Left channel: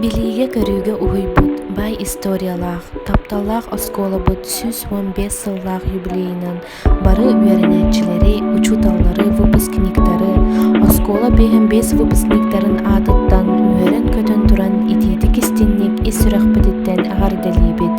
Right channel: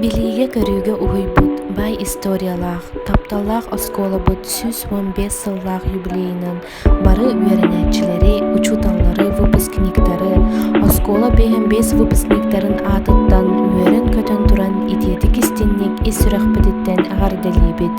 Билиге көрүүгө уһуйбут, бай историялаах, тапталлаах оскуолабыт сүс 15 сыллаах юбилейинан бары үөрэнээччилери, учуталлары, выпускниктары, оскуола 5 выпускниктарын аатыттан үөрэн көтөн туран итиити кистинник ис сүрэхпэтиттэн аҕардалиибит.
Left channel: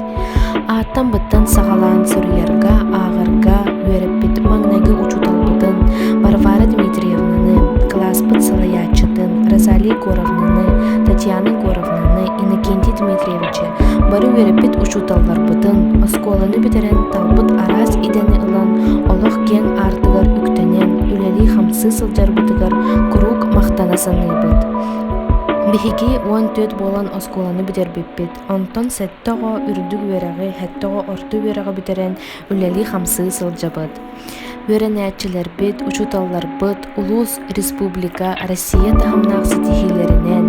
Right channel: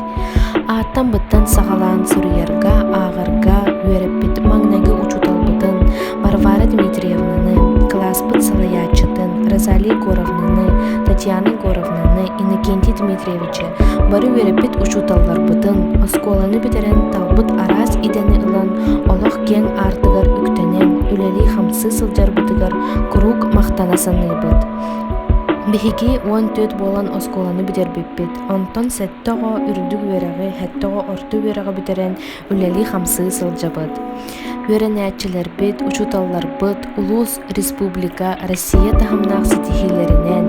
Ааттан быттан саҕалаан суруйарга, ааҕарга үөрэппит маҥнайгы учуталбытын, Варвара Дмитриевнаны, класспыт салайааччытын, Розалия Горовнаны, Татьяна Горовнаны, Иннокентий Дмитриевича бары үөрэппит учуталларбытын, оскуоланы битерэн талбыт араас идени ылан олох кең аартыгар үктэнэн, үлэлии хамсы сылдьарбытыгар курук махтана саныыбыт. Биһиги 14 буолан оскуоланы битербиппит, онтон сэттоҕо үрдүк үөрэҕи, хэттоҕо орту үөрэҕи битерэн үлэлии хамсы сылдьабыт. Үөрэнээччилэрбит, учуталларбыт, улуус республика, Россия таһымнаах ситиһиилэринэн,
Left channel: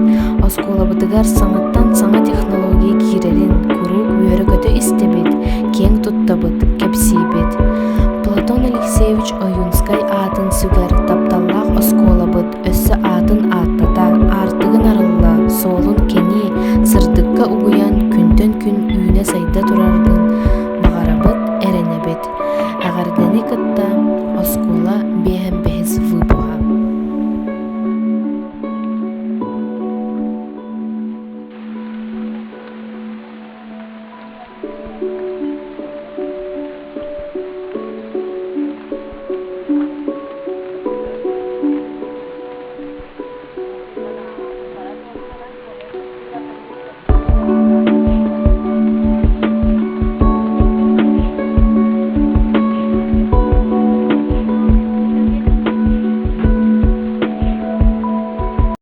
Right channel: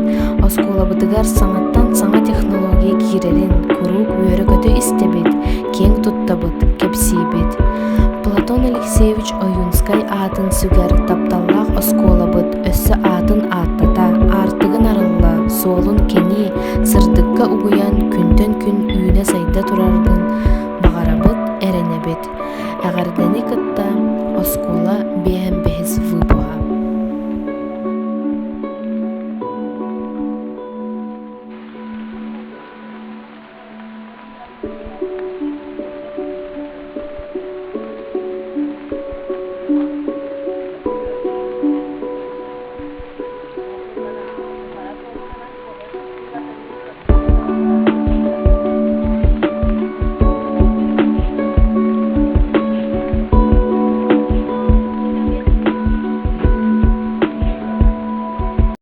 оскуолабытыгар саҥаттан саҥа технология киирэрин курук үөрэ көтө истэбит, кең туттабыт, кэпсиибит. Платон Алексеевич Оюнскай аатын сүгэр тапталлаах оскуолабыт, өссө аатын ааттата, аартыгын арылла, суолун кени, сырдыкка угуян күнтөн күн үүнэ сайда тураргын бағарабыт, эрэнэбит. Аҕардани кытта оскуола 5 выпуха.